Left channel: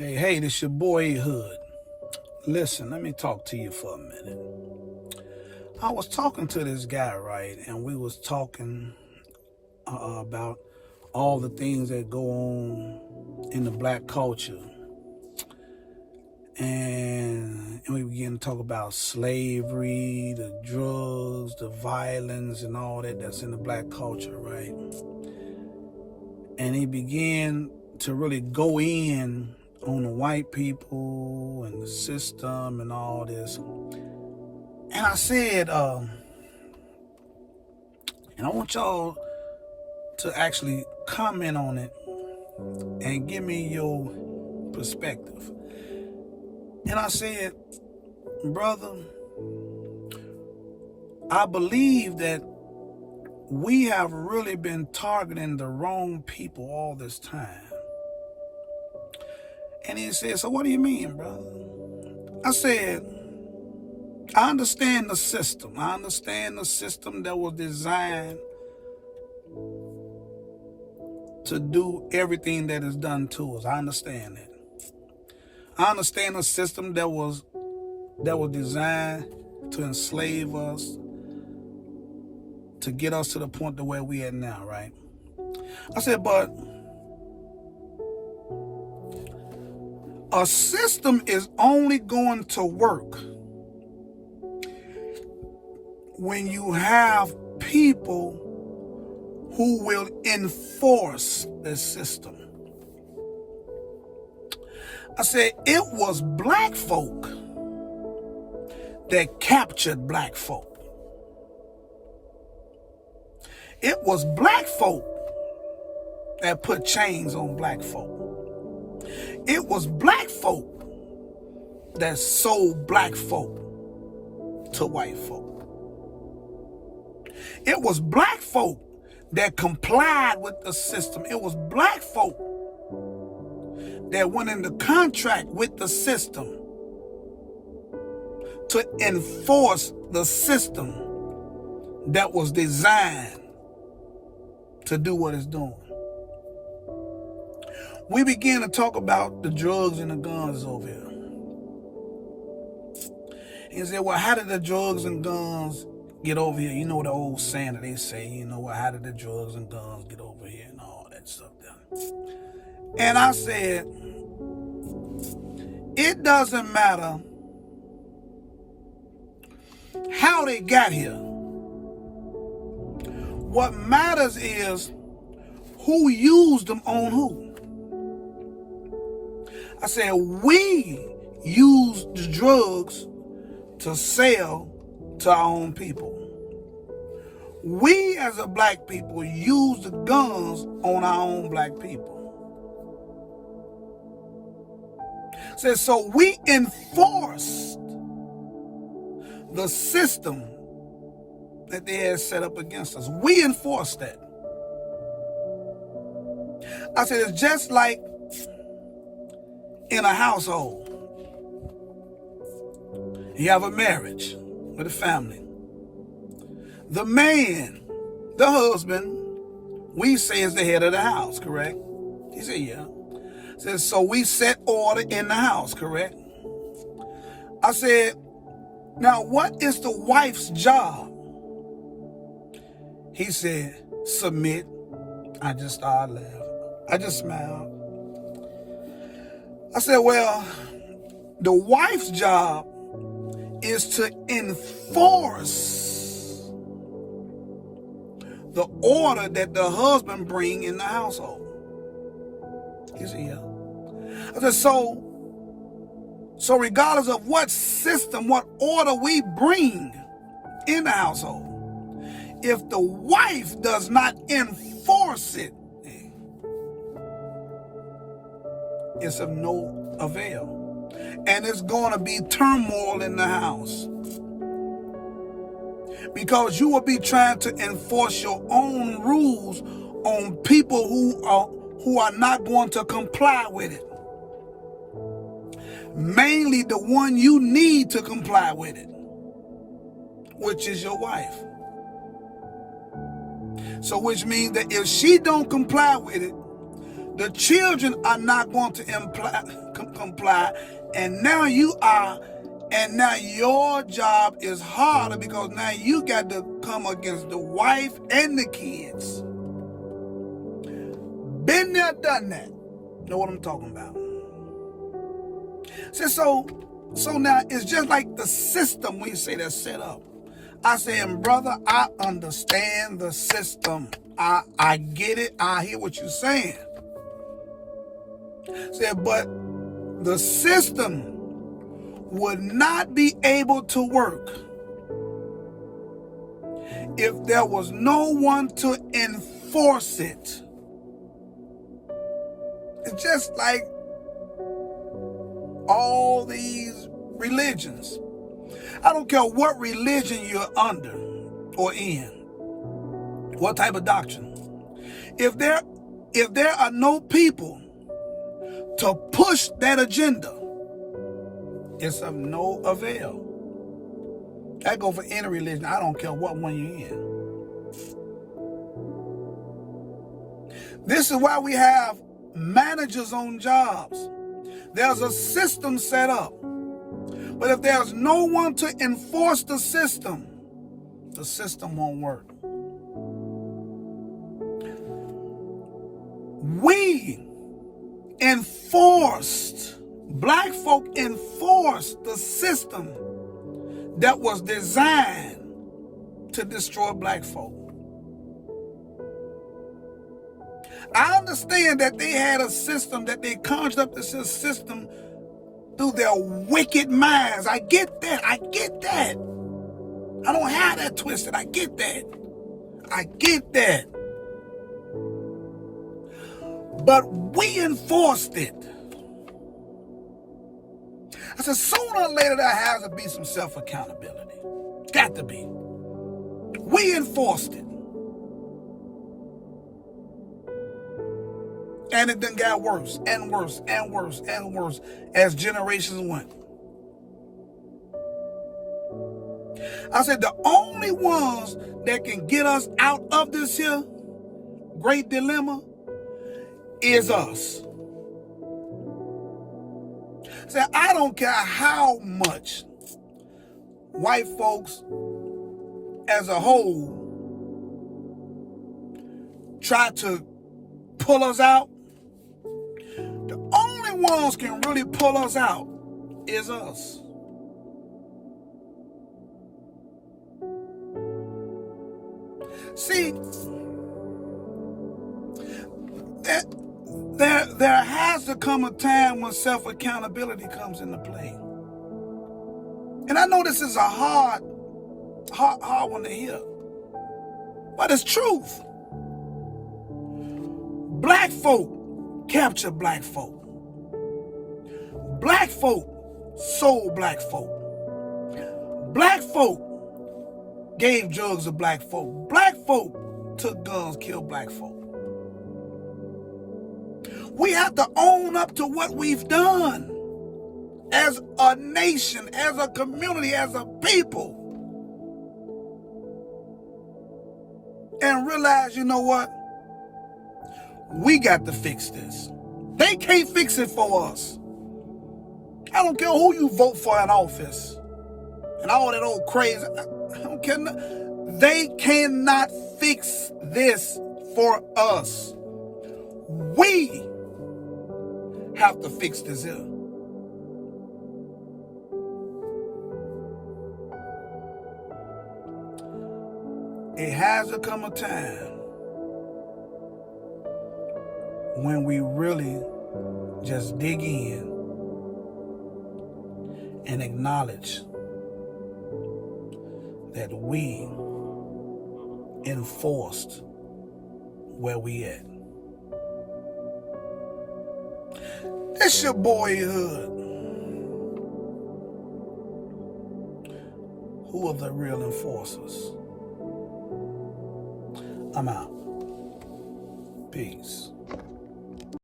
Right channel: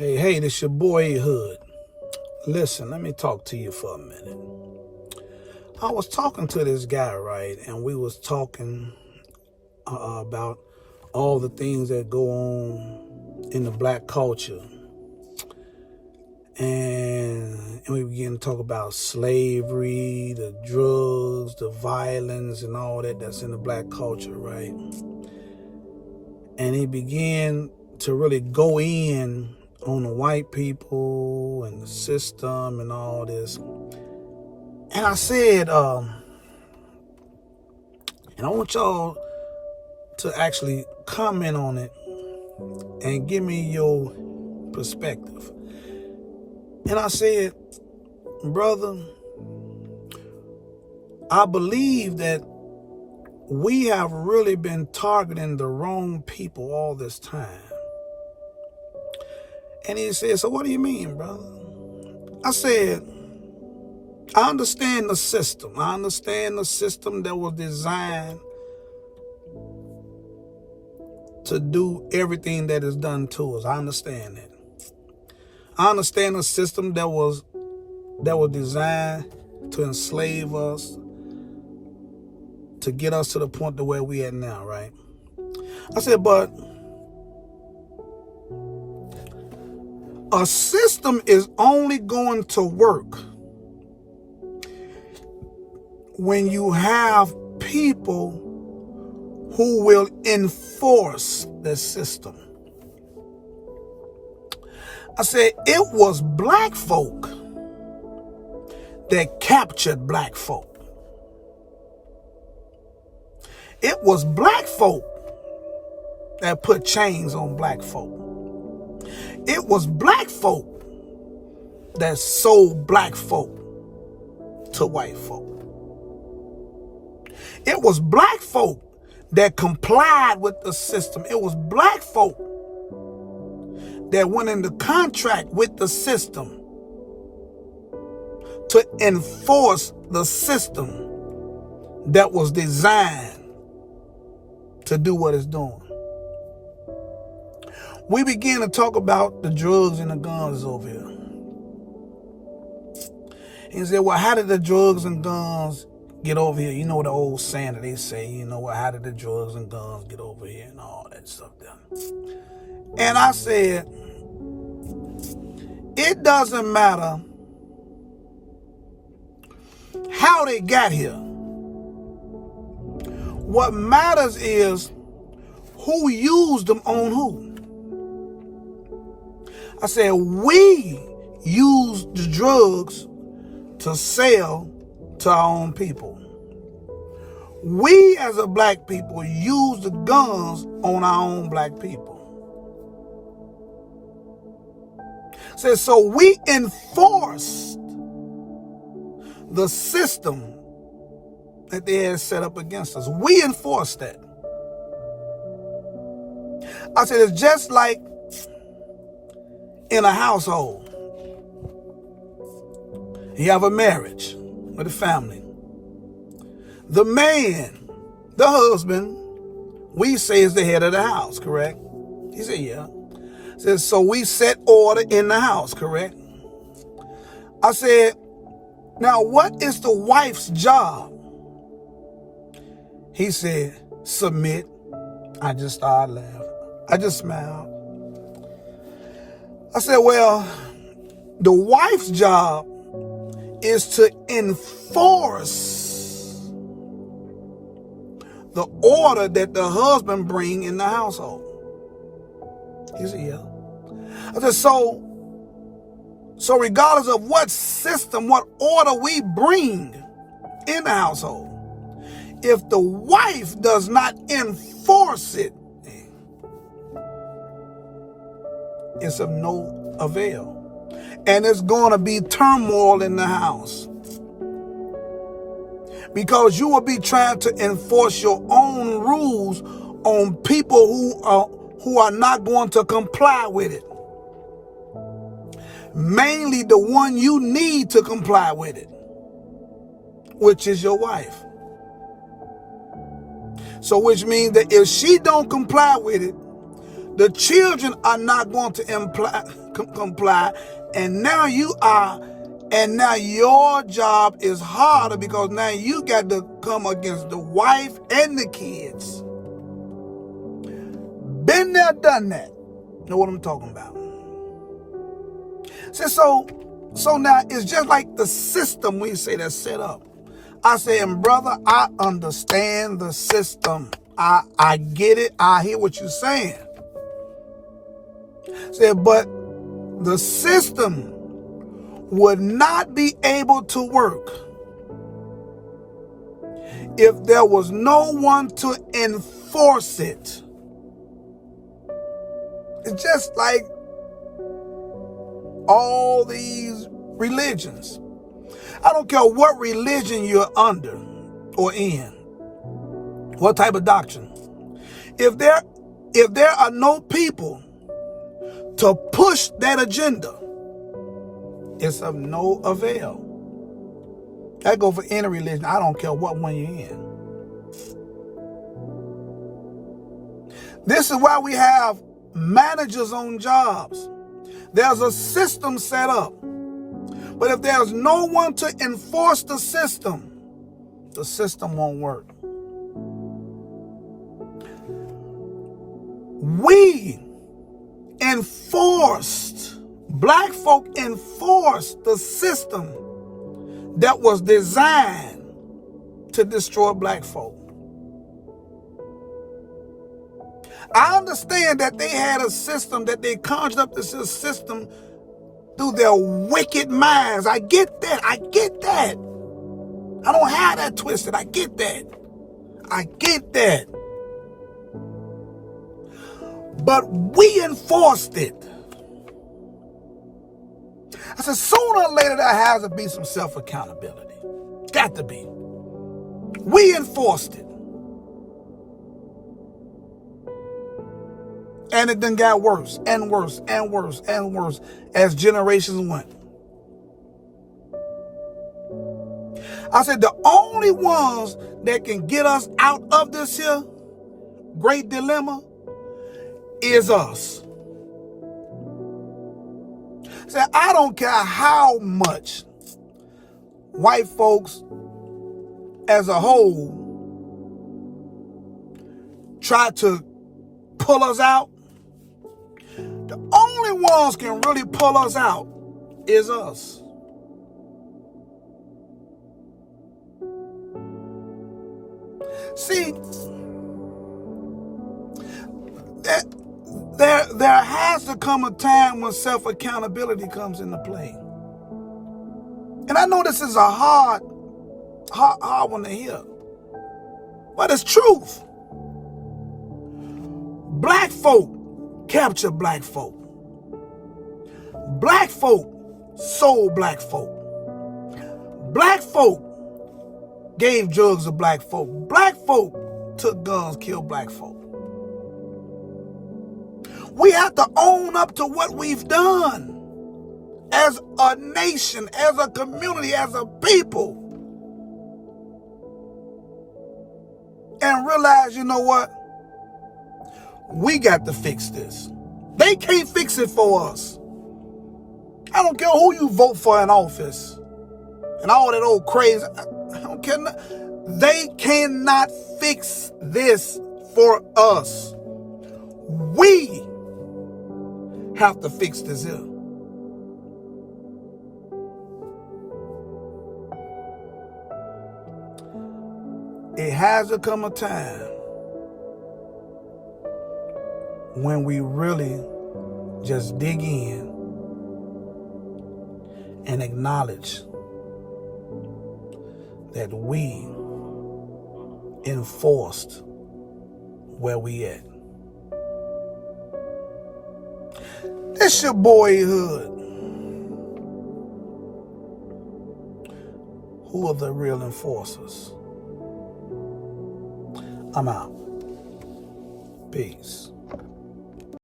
Hey, this your boy Hood. Listen, let me talk to you for a minute. I was talking to this guy, right, and we was talking about all the things that go on in the black culture. And we began to talk about slavery, the drugs, the violence, and all that's in the black culture, right? And he began to really go in on the white people and the system and all this. And I said, and I want y'all to actually comment on it and give me your perspective. And I said, brother, I believe that we have really been targeting the wrong people all this time. And he said, so what do you mean, brother? I said, I understand the system. I understand the system that was designed to do everything that is done to us. I understand that. I understand the system that was designed to enslave us, to get us to the point to where we at now, right? I said, but a system is only going to work when you have people who will enforce the system. I said, it was black folk that captured black folk. It was black folk that put chains on black folk. It was black folk that sold black folk to white folk. It was black folk that complied with the system. It was black folk that went into contract with the system to enforce the system that was designed to do what it's doing. We began to talk about the drugs and the guns over here. He said, well, how did the drugs and guns get over here? You know the old saying that they say, how did the drugs and guns get over here and all that stuff there. And I said, it doesn't matter how they got here. What matters is who used them on who. I said, we use the drugs to sell to our own people. We as a black people use the guns on our own black people. So we enforced the system that they had set up against us. We enforced that. I said, it's just like in a household. You have a marriage with a family. The man, the husband, we say is the head of the house, correct? He said, yeah. Said, so we set order in the house, correct? I said, now what is the wife's job? He said, submit. I just started laughing. I just smiled. I said, well, the wife's job is to enforce the order that the husband bring in the household. He said, yeah. I said, so regardless of what system, what order we bring in the household, if the wife does not enforce it, it's of no avail. And it's going to be turmoil in the house. Because you will be trying to enforce your own rules on people who are not going to comply with it. Mainly the one you need to comply with it, which is your wife. So which means that if she don't comply with it, The children are not going to comply, and now you are, and now your job is harder because now you got to come against the wife and the kids. Been there, done that. Know what I'm talking about? So now it's just like the system we say that's set up. I say, and brother, I understand the system. I get it. I hear what you're saying. Said, but the system would not be able to work if there was no one to enforce it. It's just like all these religions. I don't care what religion you're under or in, what type of doctrine. If there are no people to push that agenda, it's of no avail. That go for any religion. I don't care what one you're in. This is why we have managers on jobs. There's a system set up. But if there's no one to enforce the system won't work. Black folk enforced the system that was designed to destroy black folk. I understand that they had a system, that they conjured up this system through their wicked minds. I get that. I don't have that twisted. I get that. But we enforced it. I said, sooner or later there has to be some self-accountability. Got to be. We enforced it. And it then got worse and worse and worse and worse as generations went. I said the only ones that can get us out of this here great dilemma is us. I said, I don't care how much white folks as a whole try to pull us out. The only ones can really pull us out is us. See, there has to come a time when self-accountability comes into play. And I know this is a hard one to hear, but it's truth. Black folk capture black folk. Black folk sold black folk. Black folk gave drugs to black folk. Black folk took guns, killed black folk. We have to own up to what we've done as a nation, as a community, as a people. And realize, you know what? We got to fix this. They can't fix it for us. I don't care who you vote for in office and all that old crazy. I don't care. They cannot fix this for us. We have to fix this here. It has to come a time when we really just dig in and acknowledge that we enforced where we at. This your boyhood. Who are the real enforcers? I'm out. Peace.